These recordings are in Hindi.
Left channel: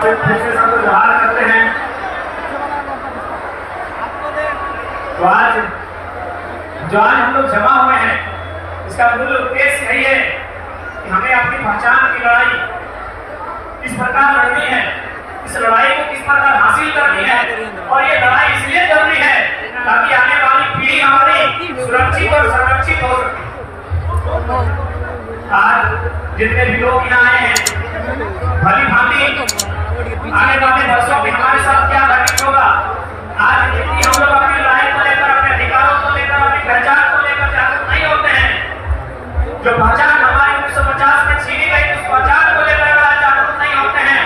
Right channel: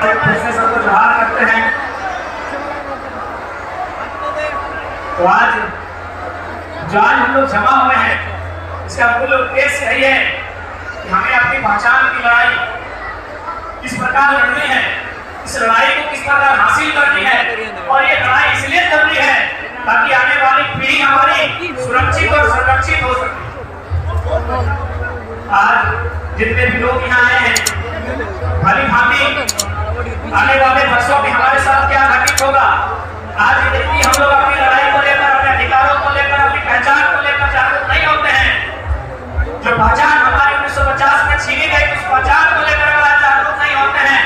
फिर से जोहार करते हैं। तो आज जो आज हम लोग जमा हुए हैं, इसका मूल उद्देश्य यही है कि हमें अपनी पहचान की लड़ाई किस प्रकार लड़नी है, इस लड़ाई को किस प्रकार हासिल करनी है, और ये लड़ाई इसलिए करनी है ताकि आने वाली पीढ़ी हमारी सुरक्षित और संरक्षित हो सके। आज जितने भी लोग यहाँ आए हैं, भली भांति आने वाले वर्षों में हमारे साथ क्या घटित होगा। आज यदि हम लोग अपनी लड़ाई को लेकर, अपने अधिकारों को लेकर, अपनी पहचान को लेकर जागरूक नहीं होते हैं, जो पहचान हमारी 1950 में छीनी गई, उस पहचान को लेकर अगर जागरूक नहीं होते हैं,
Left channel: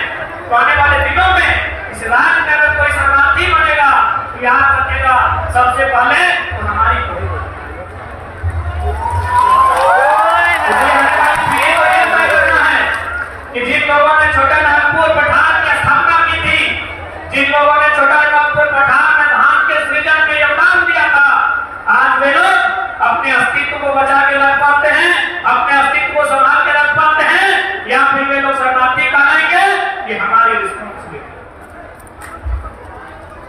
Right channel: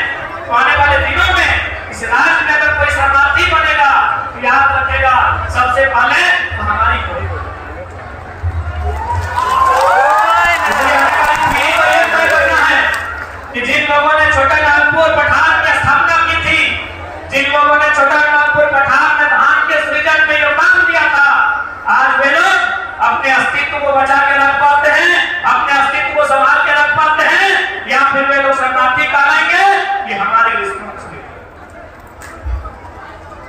तो आने वाले दिनों में इस राज्य में अगर कोई शरणार्थी बनेगा तो याद रखेगा सबसे पहले तो हमारी जिन लोगों ने छोटा नागपुर पठान की स्थापना की थी, जिन लोगों ने छोटा नागपुर पठान में धान के सृजन में योगदान दिया था, आज वे लोग अपने अस्तित्व को बचा के रख पाते हैं, अपने अस्तित्व को संभाल के रख पाते हैं, या फिर वे लोग शरणार्थी कहलाएंगे। ये हमारी रिस्पॉन्सिबिलिटी।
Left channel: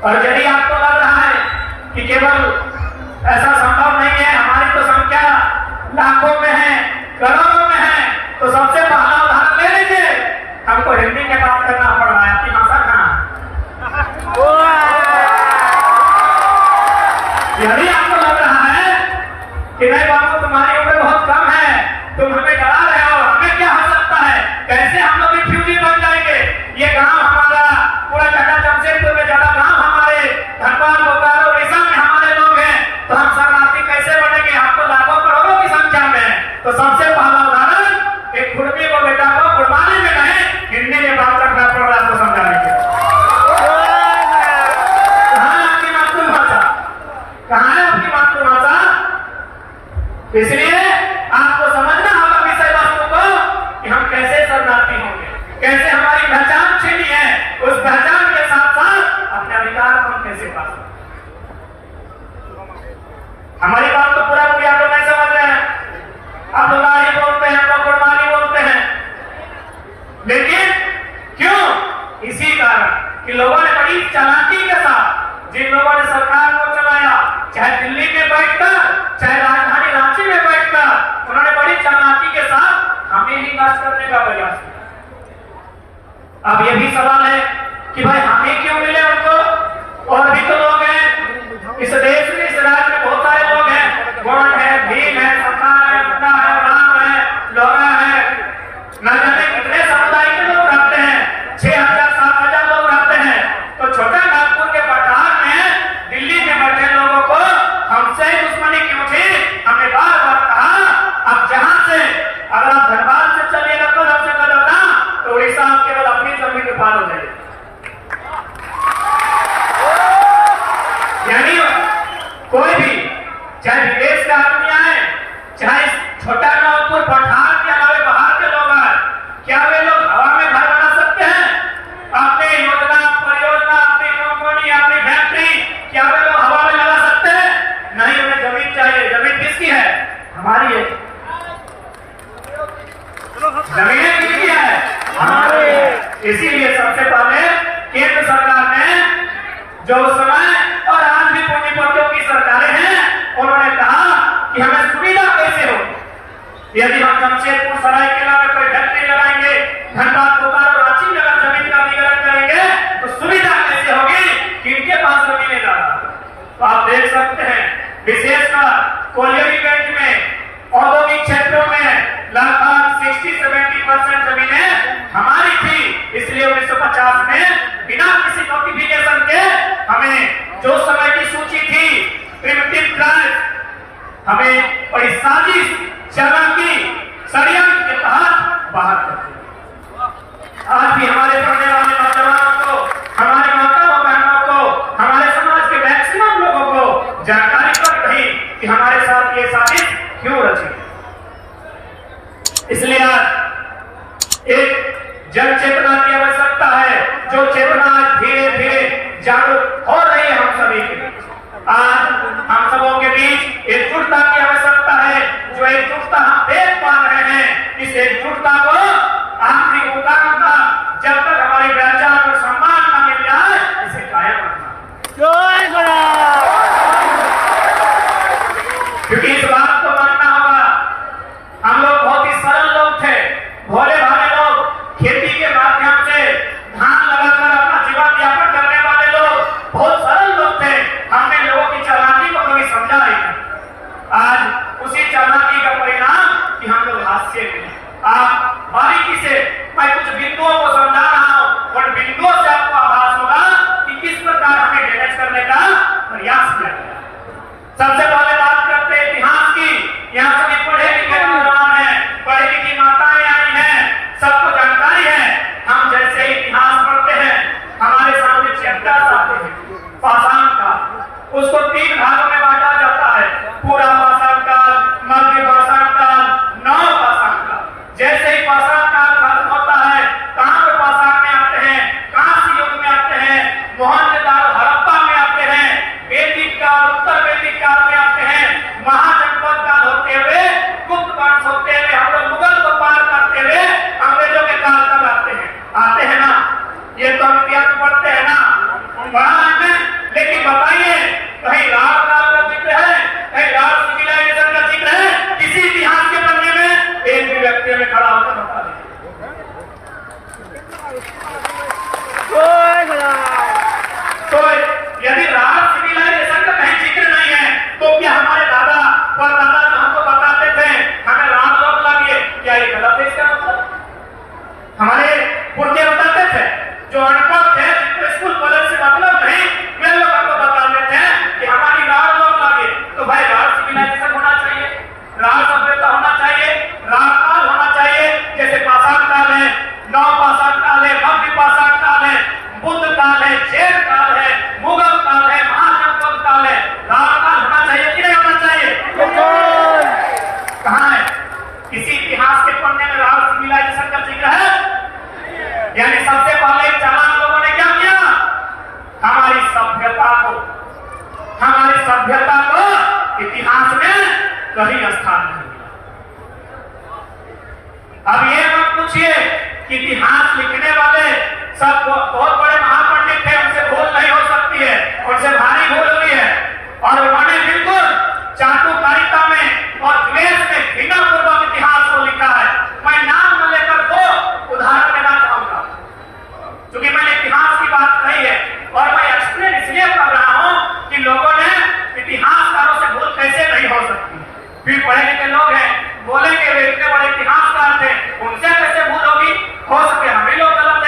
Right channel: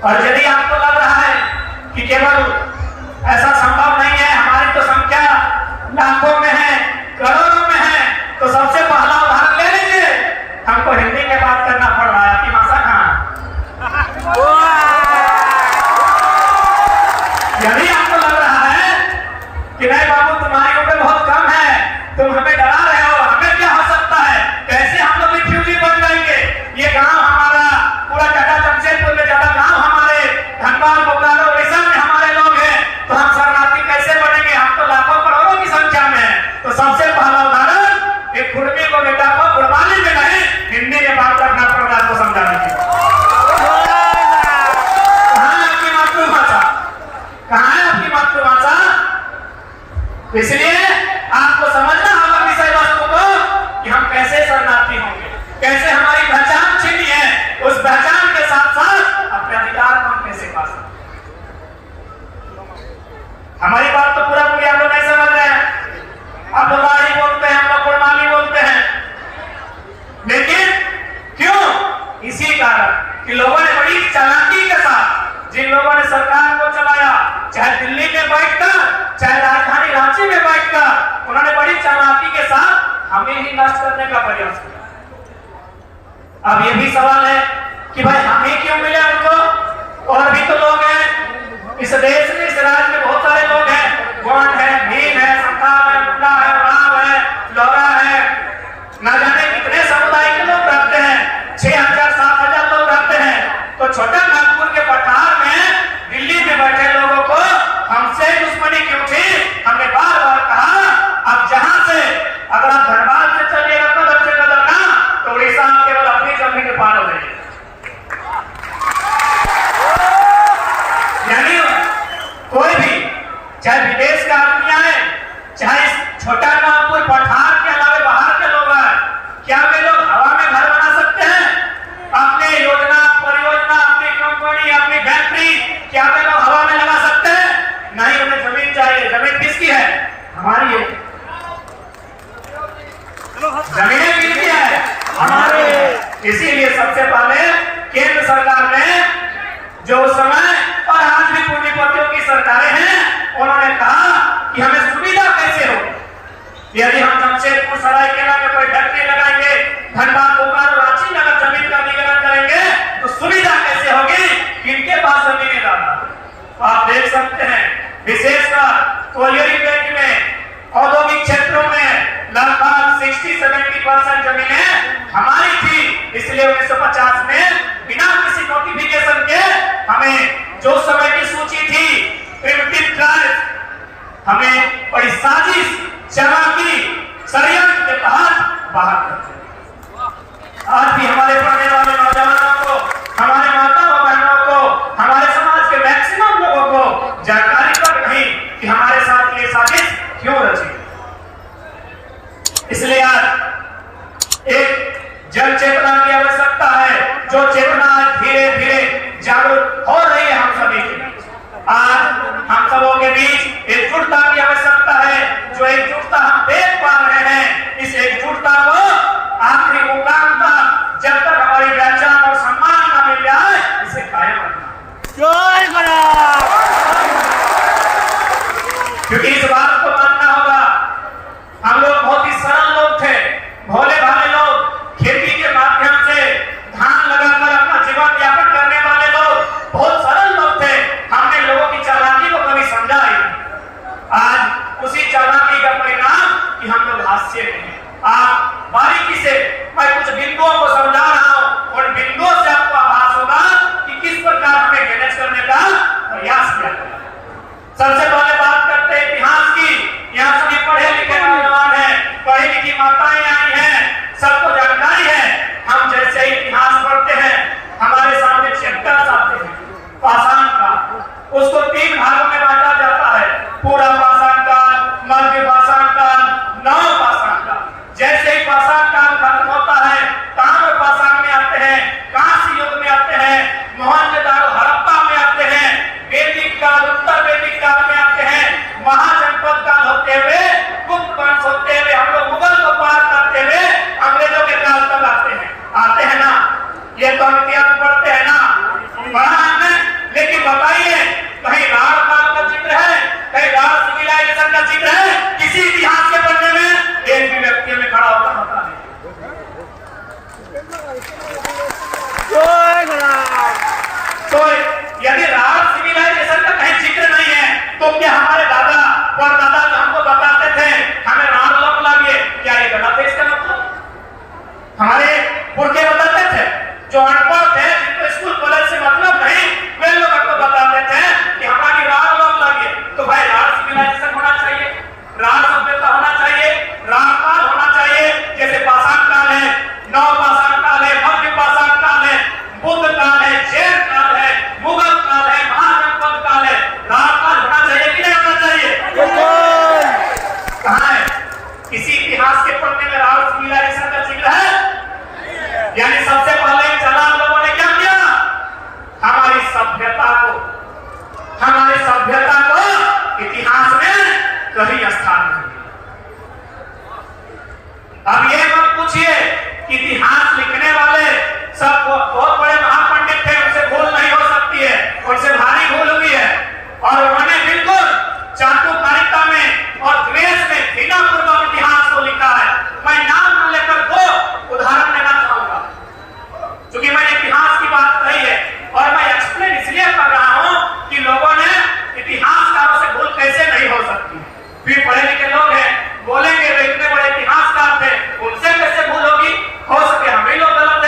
और यदि आपको लग रहा है कि केवल ऐसा संभव नहीं है, हमारी तो संख्या लाखों में है, करोड़ों में है, तो सबसे पहला उदाहरण ले लीजिए। हमको हिंदी में बात करना पड़ रहा है, आपकी भाषा कहाँ? यदि आपको लग रहा है कि नहीं बाबू तुम्हारी उम्र बहुत कम है, तुम हमें डरा रहे हो, हमें क्या हो सकता है, कैसे हम लोग रिफ्यूजी बन जाएंगे, ये गांव हमारा पूरा टाटा जमशेदपुर में ज्यादा गांव हमारे धनबाद बोकारो उड़ीसा में हमारे लोग हैं, तो हम शरणार्थी कैसे बनेंगे, हम तो लाखों करोड़ों की संख्या में हैं। तो सबसे पहला उदाहरण एक कुर्मी को बेटा को कुर्बानी में नहीं हिंदी में बात करना पड़ रहा है आपको समझाने के लिए। कहाँ है आपकी मातृभाषा, कहाँ है आपकी मातृभाषा? इसलिए आपको समझना होगा विषय वस्तु को कि हम कैसे शरणार्थी होंगे, कैसे हमारी पहचान छीनी है, उस पहचान के साथ साथ अपने अधिकार को हम कैसे पा सकते। हमारी बात तो पूरा पूरी आप लोग नहीं समझ रहे हैं। आप लोग ही बोलते हैं, हम लोग कुर्बानी बोलते हैं, लेकिन क्यों? इसी कारण कि लोगों ने बड़ी चालाकी के साथ, जिन लोगों ने सरकार को चलाया, चाहे दिल्ली में बैठकर, चाहे राजधानी रांची में बैठकर, उन्होंने बड़ी चालाकी के साथ हमें ही नाश करने का प्रयास किया। अब ये भी सवाल है कि भाई हमें क्यों मिले उनको, और भी तो लोग हैं इस देश में, इस राज्य में बहुत सारे लोग हैं, गोंड है, भील है, संथाल है, मुंडा है, राम है, लोरा है, न जाने कितने समुदाय के लोग रहते हैं, 6000 7000 लोग रहते हैं। तो छोटा नागपुर के पठार में दिल्ली में बैठे लोगों को हमसे दुश्मनी क्यों थी? हमने बार बार कहा अब जहां से अगर आप धनबाद से चलिएगा कदम से कदम ना, तो उड़ीसा आप केवल अपनी जमीन में पार हो जाएगी। यानी कोई भी, चाहे विदेश के आदमी आए, चाहे छोटा नागपुर पठार के अलावा बाहर के लोग आए, क्या वे लोग हवा में घर बना सकते हैं? अपनी योजना, परियोजना, अपनी कंपनी, अपनी फैक्ट्री, क्या वे लोग हवा में लगा सकते हैं? नहीं, उन्हें जमीन चाहिए। जमीन किसकी है? हमारी है। जमीन किसकी है? हमारी है। इसीलिए सबसे पहले केंद्र सरकार ने, जो उस समय और आज भी पूंजीपतियों की सरकारें हैं, उन्होंने कहा कि हमें सुविधा कैसे हो। यदि हम जमशेदपुर सरायकेला में कोई फैक्ट्री लगाएंगे, धनबाद बोकारो रांची में अगर जमीन का अधिग्रहण करेंगे, तो सुविधा कैसे होगी कि इनके पास जमीनें ज्यादा। तो आप देख सकते हैं विशेषकर कोयलियोरी बेल्ट में, औद्योगिक क्षेत्रों में लगभग 60-70% जमीनें हमारी थी। इसलिए 1950 में बिना किसी नोटिफिकेशन के हमें जो समय की सूची थी, प्रिमिटिव ट्राइब्स, हमें बड़ी साजिश, चालाकी, षड्यंत्र के तहत बाहर करते। आज भी हमारे पढ़ने वाले नौजवानों को, हमारे माता बहनों को, हमारे समाज के मैक्सिमम लोगों को जानकारी कर रही कि हमारे साथ ये साजिश क्यों रची। इसलिए आज एक जन चेतना की आवश्यकता है, जो चेतना धीरे धीरे जागरूक हो रही है हम सभी के बीच। आज हम सबों के बीच एकजुटता की आवश्यकता है, जो एकजुटता हम देख पा रहे हैं, इस एकजुटता को आखिरी मुकाम तक कोई पहचान और सम्मान न मिल जाए, इसे कायम रखना। क्योंकि इस बात को मानना होगा, हम लोग बहुत ही सरल लोग थे, भोले भाले लोग, खेती के माध्यम से धान लगाकर अपना जीवन यापन करने वाले लोग, बहुत सरल लोग थे। हमने लोगों की चालाकी को कभी समझा ही नहीं। आज उसी चालाकी का परिणाम कि हम लोग हास्य में। आप बारीकी से मैं कुछ बिंदुओं को समझा रहा हूं और बिंदुओं से आपको आभास होगा कि किस प्रकार हमें मैनेज करने का प्रयास किया गया। सबसे पहले बात करते हैं इतिहास की। यहाँ सभी पढ़े लिखे नौजवान हैं, पढ़ी लिखी माताएं आई हैं, सबको जानकारी है। हम जैसे इतिहास पढ़ते हैं, हमारे सामने चैप्टर्स आते हैं पाषाण काल, उसको 3 भागों में बांटा जाता है, पूरा पाषाण काल, मध्य पाषाण काल, नव पाषाण काल। जैसे ही पाषाण काल खत्म होता है, ताम्र पाषाण में आते हैं, कांस्य युग में आते हैं, मोहनजोदड़ो हड़प्पा में आते हैं, वैदिक काल, उत्तर वैदिक काल में आते हैं, महाजनपद काल होते हुए, गुप्त वंश होते हुए, हम लोग मुगल को पार करते हुए अंग्रेजों के काल तक आते हैं ना। ये तो हम इतिहास पढ़ते हैं ना, पढ़ा हमने। लेकिन बताइए, कहीं राढ़ काल का जिक्र है, कहीं राढ़ सिविलाइजेशन का जिक्र है किसी इतिहास के पन्ने में? एक भी व्यक्ति में खड़ा होता बता नहीं। तो यदि राढ़ सिविलाइजेशन का कहीं जिक्र नहीं है, तो क्या हमारे दादा परदादा जो हमको बताते थे हमें राढ़ लोग लगे, क्या ये गलत है? इसका मतलब हमारे पुरखे बताते थे, जो अनपढ़ थे, जिनको स्कूल कॉलेज से मतलब नहीं, वे लोग हमको बताते थे कि हमारी राढ़ लोग लगे। तो भाई राढ़ सिविलाइजेशन होना चाहिए, राढ़ सभ्यता होना चाहिए, राढ़ काल होना चाहिए। जैसे पाषाण काल है, नव पाषाण काल है, मध्य पाषाण काल है, बुद्ध काल है, जैन काल है, मुगल काल है, महाजनपद काल है। राढ़ काल होना चाहिए कि नहीं होना चाहिए? कहाँ है किसी इतिहास के पन्ने में राढ़ सिविलाइजेशन का जिक्र है? यानी सबसे पहले चालाक लोगों ने क्या किया? हमारी सभ्यता को इतिहास में कहीं स्थान नहीं दिया। अब ये मत पूछिए कि इतिहास लिखने वाले सब बहुत बड़े महापंडित थे, उनसे भूल नहीं हो सकती है, उनसे भारी भूल हुई है, और उन्होंने बिल्कुल चाटुकारिता में और द्वेष में घृणापूर्वक इतिहास को लिखा है। मैं नाम न लेकर वो उदाहरण देना चाहूंगा, क्योंकि मैंने इतिहास की बात कही है और मैं एक्सप्लेन इसलिए कर रहा हूं कि लोगों ने इतिहासकारों से भूल कैसे नहीं हो सकती। फिर पढ़े लिखे लोग हैं, बोलेंगे वे इतने बड़े इतिहासकार थे, उनसे कैसे भूल होगी? हो सके हम ही लोग गलत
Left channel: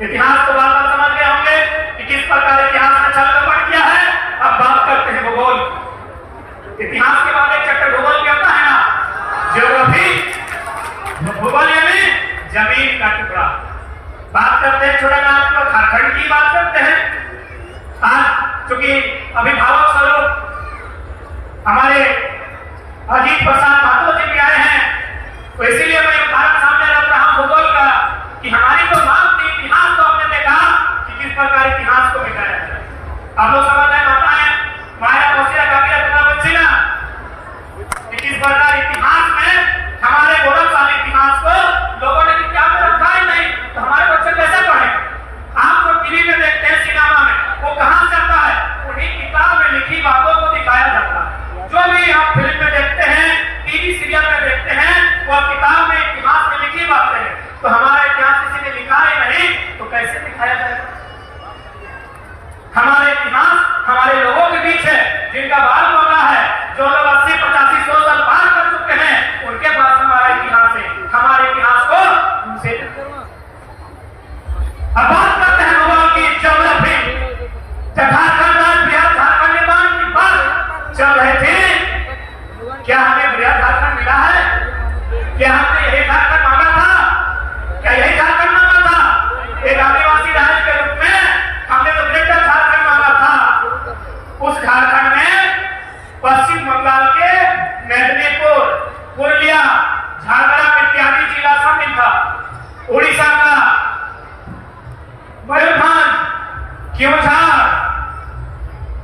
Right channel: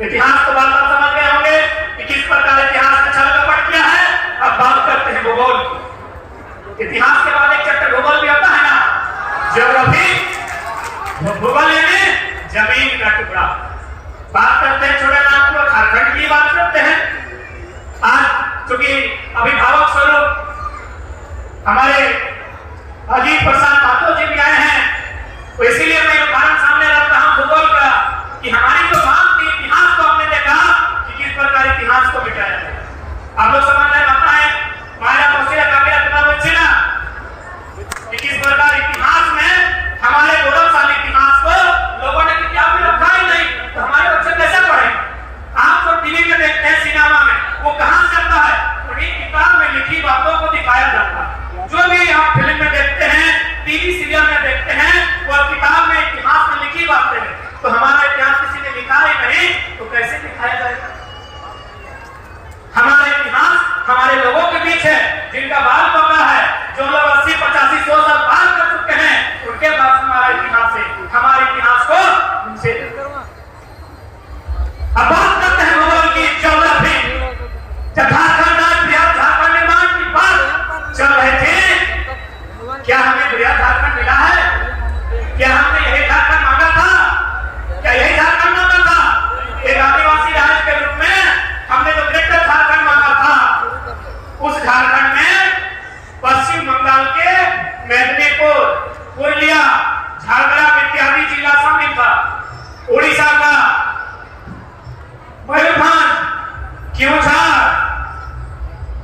इतिहास तो बात आप समझ गए होंगे कि किस प्रकार इतिहास में छल कपट किया है। अब बात करते हैं भूगोल। इतिहास के बाद एक चैप्टर भूगोल भी आता है ना, ज्योग्राफी। भूगोल यानी जमीन का टुकड़ा। बात करते हैं छोटा नागपुर और झारखंड की बात करते हैं। आज चूंकि अभिभावक स्वरूप हमारे अजीत प्रसाद महतो जी भी आए हैं, तो इसीलिए मैं उदाहरण सामने रखता हूं भूगोल का कि हमारी जो बात थी इतिहास को हमने देखा कि किस प्रकार इतिहास को मिटाया जाए। आप लोग समझ रहे बताएं हमारा मौसिया बाकी अपना बच्ची ना कि किस प्रकार इतिहास में हमारे गौरवशाली इतिहास को लोगों ने किताब में रखा ही नहीं, तो हमारे बच्चे कैसे पढ़े। आप जो टीवी में देखते हैं सिनेमा में, वो कहां से आता है? उन्हीं किताब में लिखी बातों को दिखाया जाता है। जो भी आप फिल्म में देखते हैं, टीवी सीरियल में देखते हैं, वो किताब में इतिहास में लिखी बातें हैं। तो हमारा इतिहास किसी ने लिखा ही नहीं तो कैसे दिखाया जाएगा? हमारे इतिहास हमारे लोगों के बीच है जिनका बाल पका है, जो लोग 80, 85, 100 साल पार कर चुके हैं, उनके पास हमारा इतिहास है। हमारे इतिहास को उनसे अब बात करते हैं भूगोल की, ज्योग्राफी। जब झारखंड निर्माण की बात चल रही थी, क्या हमें बृहद झारखंड मिला है? क्या हमने यही झारखंड मांगा था? क्या यही झारखंड मांगा था? एक आदिवासी राज्य के रूप में हमने तो ग्रेटर झारखंड मांगा था। उस झारखंड में पश्चिम बंगाल के मेदिनीपुर, पुरुलिया, झारग्राम इत्यादि जिला शामिल था। उड़ीसा का मयूरभंज, केवझर,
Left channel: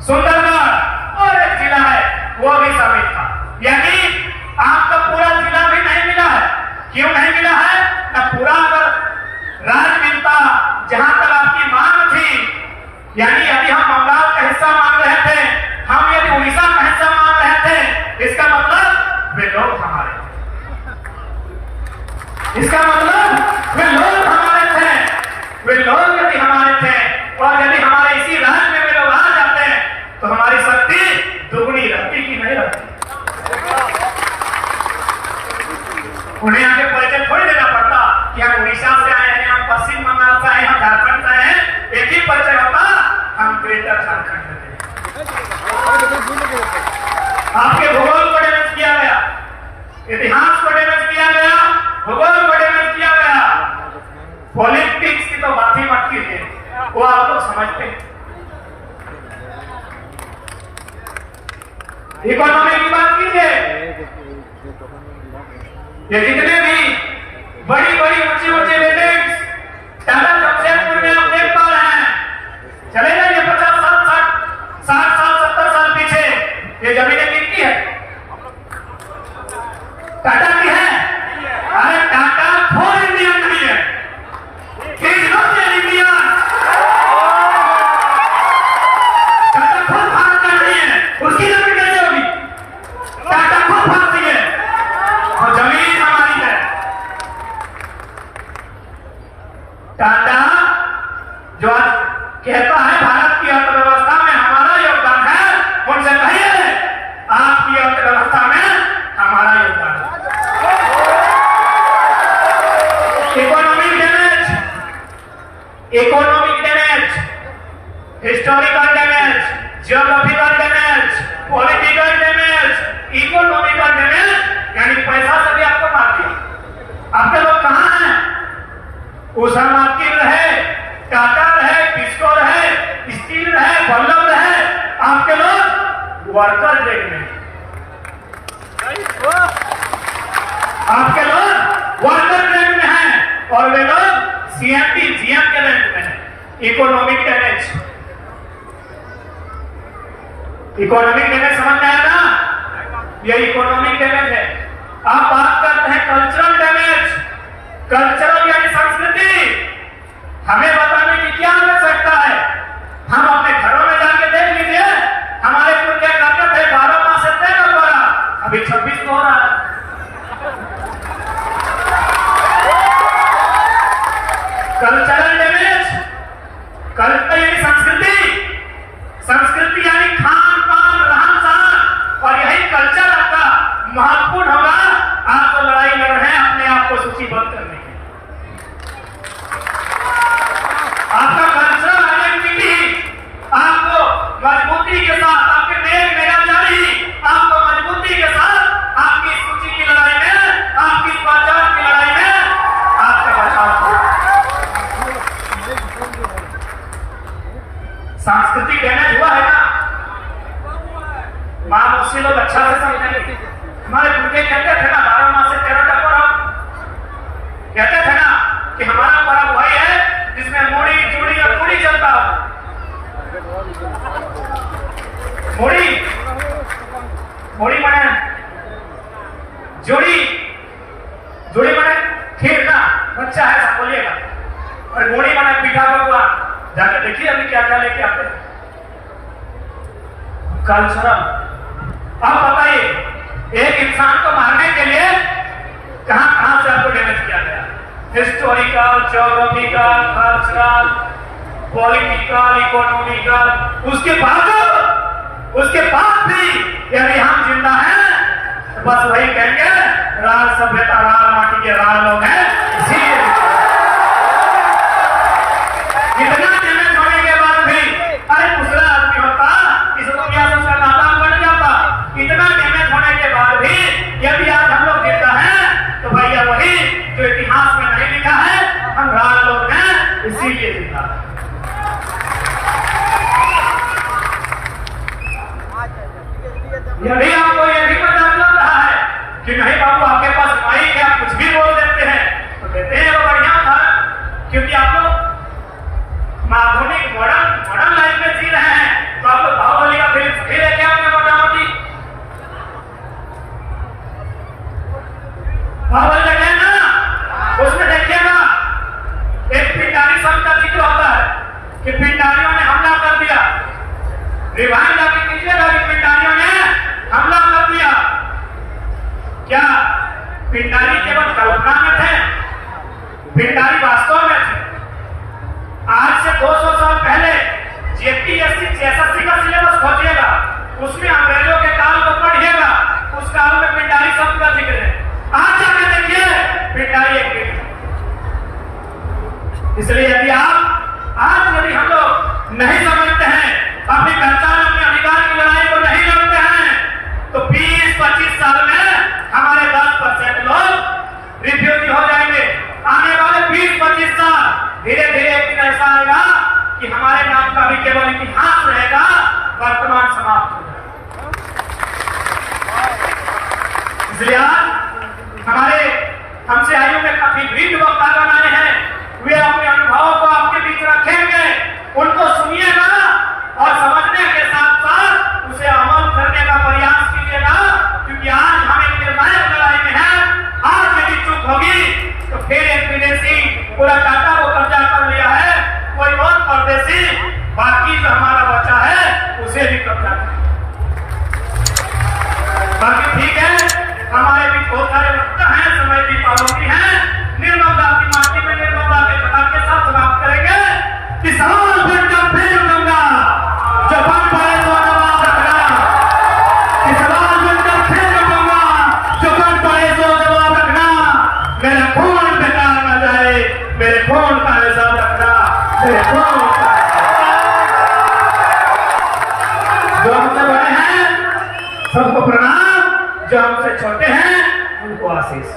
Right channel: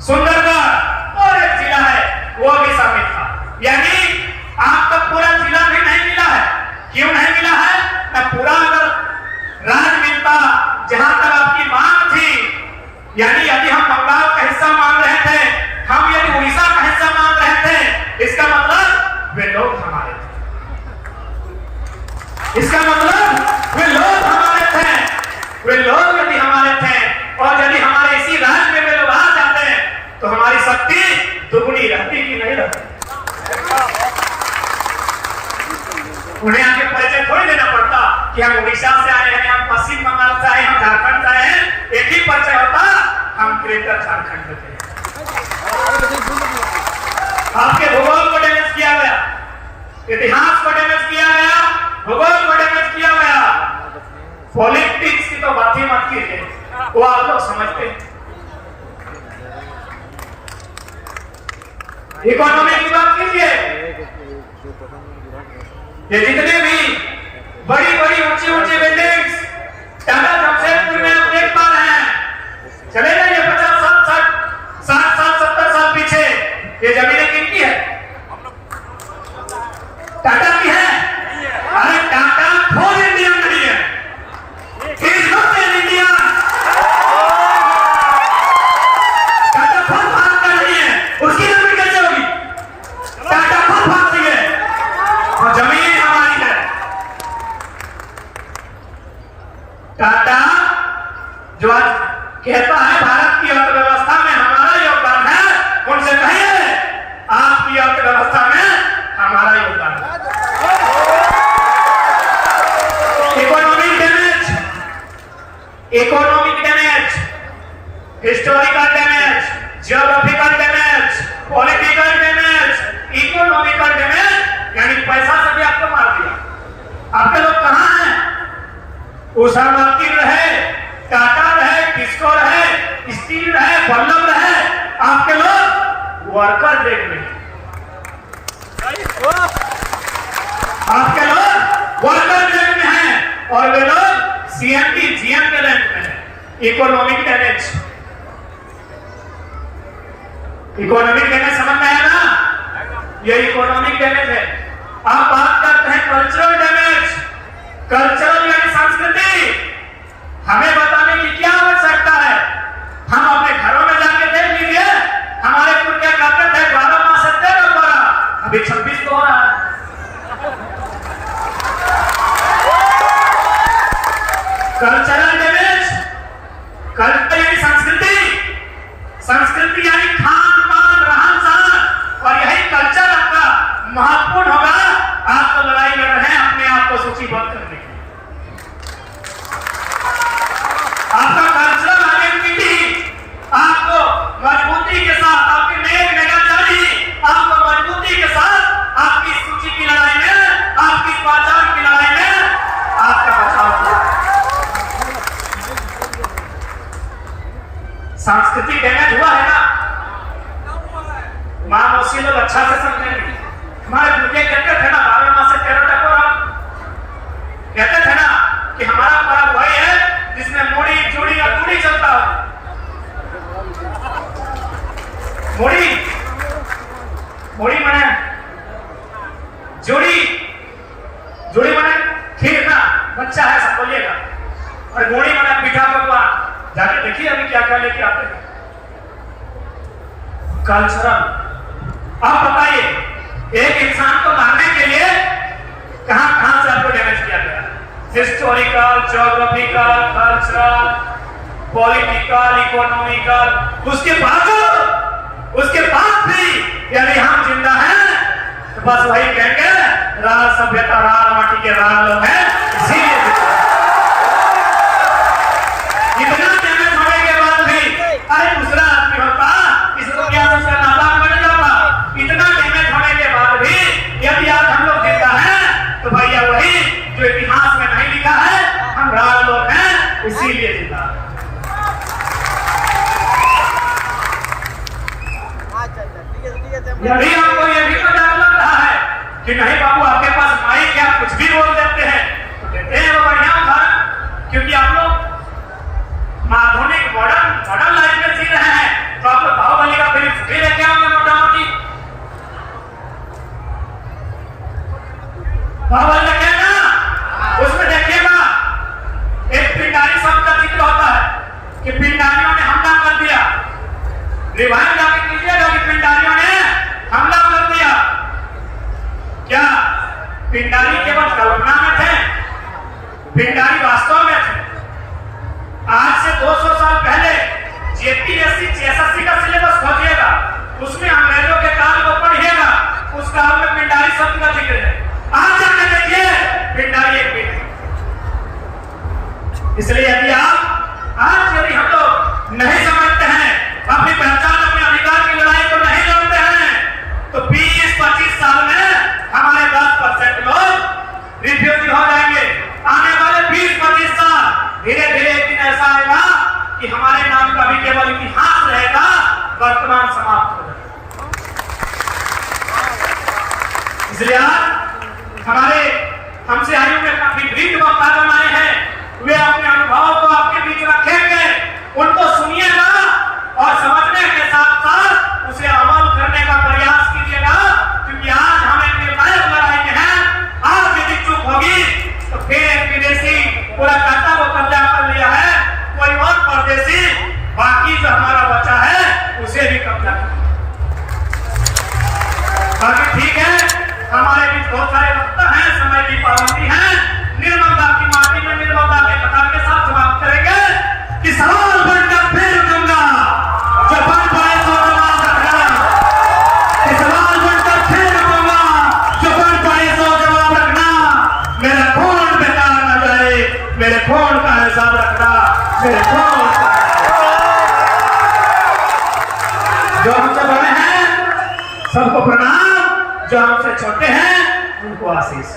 सुंदरगढ़ और एक जिला है वो भी शामिल था। यानी आपका पूरा जिला भी नहीं मिला है। क्यों नहीं मिला है? ना पूरा अगर राज्य मिलता जहां तक आपकी मांग थी, यानी यदि हम बंगाल का हिस्सा मांग रहे थे, हम यदि उड़ीसा का हिस्सा मांग रहे थे, इसका मतलब वे लोग हमारे थे। इसका मतलब वे लोग हमारे थे। वे लोग यदि हमारे थे और यदि हमारे इसी राज्य में वे लोग आ जाते तो हमारी शक्ति दुगनी रहती कि नहीं रहती। उन्हें आगे परिचय थोड़ी देना पड़ता कि हम उड़ीसा से आए हैं, हम पश्चिम बंगाल से आए हैं, हम झारखंड से आए हैं। एक ही परिचय होता, हम ग्रेटर झारखंड से थे। आपके भूगोल को डैमेज किया गया, इतिहास को डैमेज किया गया, भूगोल को डैमेज किया गया। पॉलिटिक्स की तो बात ही मत कीजिए, वो आप लोग समझते हैं। इकोनॉमी की बात कीजिए, ये जितने भी बड़ी बड़ी ऊंची ऊंची बिल्डिंग्स टाटा जमशेदपुर में आप देख पा रहे हैं, चले जाइए 50, 60, 70 साल पीछे, ये जमीनें किनकी है? टाटा की है। अरे टाटा खोल इंडिया नहीं है, टाटा खोल भारत का नहीं है, उसकी जमीन कैसे होगी? टाटा खोल भारत की है और जमीन हमारी है। टाटा जो आज कहता है भारत की अर्थव्यवस्था में हमारा योगदान है, उनसे कहिए आपकी अर्थव्यवस्था में हमारा योगदान है। Economic damage, historical damage, geographical damage, political damage, economical damage, यानी पैसा से भी आपको मार दिया। आपके लोग कहां हैं? उषा मार्टिन रहे, टाटा रहे, टिस्को रहे, स्टील रहे, बल्लभ रहे, आपके लोग वर्कर रेट में, आपके लोग वर्कर रेट में हैं और वे लोग सीएमपी जीएम के रैंक में। इकोनॉमिक डैमेज, इकोनॉमिक डैमेज समझ में आया ना? ये इकोनॉमिक डैमेज है। आप बात करते हैं कल्चरल डैमेज। कल्चरल यानी संस्कृति। हमें बताने की क्या आवश्यकता है? हम अपने घरों में जाके देख लीजिए, हमारे पूर्व क्या करते थे? 12 माह से 13, अभी 26 को हो रहा है। कल्चरल डैमेज, कल्चर यानी संस्कृति, संस्कृति यानी खान पान, रहन सहन, और यही कल्चर आपका महत्वपूर्ण होगा। आप तो लड़ाई लड़ रहे हैं अपने आप को सूचीबद्ध करने की। सांस्कृतिक डैमेज हुआ है ना, मामूसी लोग अच्छा से समझेंगे। हमारे बुजुर्ग कहते थे ना 12 मास से 13 का पर्व, कहते थे ना कि हमारा पर्व वही है जिसमें मोड़ी चूड़ी और पूड़ी चलता हो। मोड़ी माने जोड़ी माने खीर ना, बच्चा है सब बोलिएगा, और मोड़ी माने पीठा पकवान। जाके देखिए अभी क्या क्या लेके आते हैं कल्चरल। अब बताइए एक इंसान को मारने के लिए कहां से आपको डैमेज किया गया? Historical, geographical, cultural, political, economical. उसके बाद भी यदि हम जिंदा हैं तो बस वही कहेंगे राज सभ्यता, राज माटी के राज लोग हैं। इसीलिए इतना डैमेज होने के बाद भी अरे दूसरा आदमी होता इस दुनिया से उसका नाता बन जाता। इतना डैमेज होने के बाद भी यदि आज हम लोग जिंदा हैं तो भैया वही जो इतिहास में नहीं लिखा है, हम राज लोग हैं इसीलिए जिंदा है। यदि आपको यह भी पता लग रहा है कि नहीं बाबू आपके पास माइक है, आप कुछ भी बोल देते हैं, तो देते हैं वो बढ़िया उदाहरण। क्योंकि आप लोग आधुनिक मॉडर्न लाइफ में जी रहे हैं, तो आप लोग बाहुबली का फिल्म भी लेके आओगे मोटामोटी। बाहुबली देखिए ना, उसमें देखिएगा एक पिंडारी शब्द का जिक्र होता है कि पिंडारियों ने हमला कर दिया। रिवाइंड जाके कीजिएगा कि पिंडारियों ने हमला कर दिया। क्या पिंडारी केवल कल्पना में थे? पिंडारी वास्तव में थे। आज से 200 साल पहले जेपीएससी एसएससी का सिलेबस खोजिएगा, उसमें अंग्रेजों के काल को पढ़िएगा, उस काल में पिंडारी शब्द का जिक्र है। आज जाके देखिए पिंडारी एक व्यक्ति। इसलिए यदि हम लोग नहीं समझते हैं, अपनी पहचान, अपने अधिकार की लड़ाई को नहीं लड़ते हैं, तो 20-25 साल में हमारे 10% लोग रिफ्यूजी हो जाएंगे। आने वाले 20-25 साल धीरे धीरे एक दिन ऐसा आएगा कि हमारे नाम का भी केवल इतिहास रहेगा, वर्तमान समाप्त हो जाएगा। इसलिए आज हमारे हमसे आयु में काफी वृद्ध वक्तागण आए हैं, वे अपने अनुभवों को आपके बीच रखेंगे। उनको सुनिएगा और समझने के साथ साथ उसे अमल करने का प्रयास कीजिएगा, क्योंकि आज हम एक निर्णायक लड़ाई में हैं। आज यदि चूक होगी तो फिर एक विदेशी पूरा काटा को कब्जा कर लिया है, कोई और परदेशी बाकी जो हमारा बचा है उसे भी कब्जा कर। बाकी ठीक है, हमारे बीच बहुत सारे वक्ता हैं, समय की पाबंदी है। निर्मलता की माटी में निर्मलता के कथन के साथ बात करेंगे कि सवाल बनकर फिर दूंगा जो बन पाए तो जवाब रखना। कि सवाल बनकर फिर दूंगा जो बन पाए तो जवाब रखना। मेरा खून बेकार न जाए, मेरे खून का हिसाब रखना। मेरे खून जो हमसे बड़े हैं सबको प्रणाम, जो हमसे छोटे हैं उनको आशीष।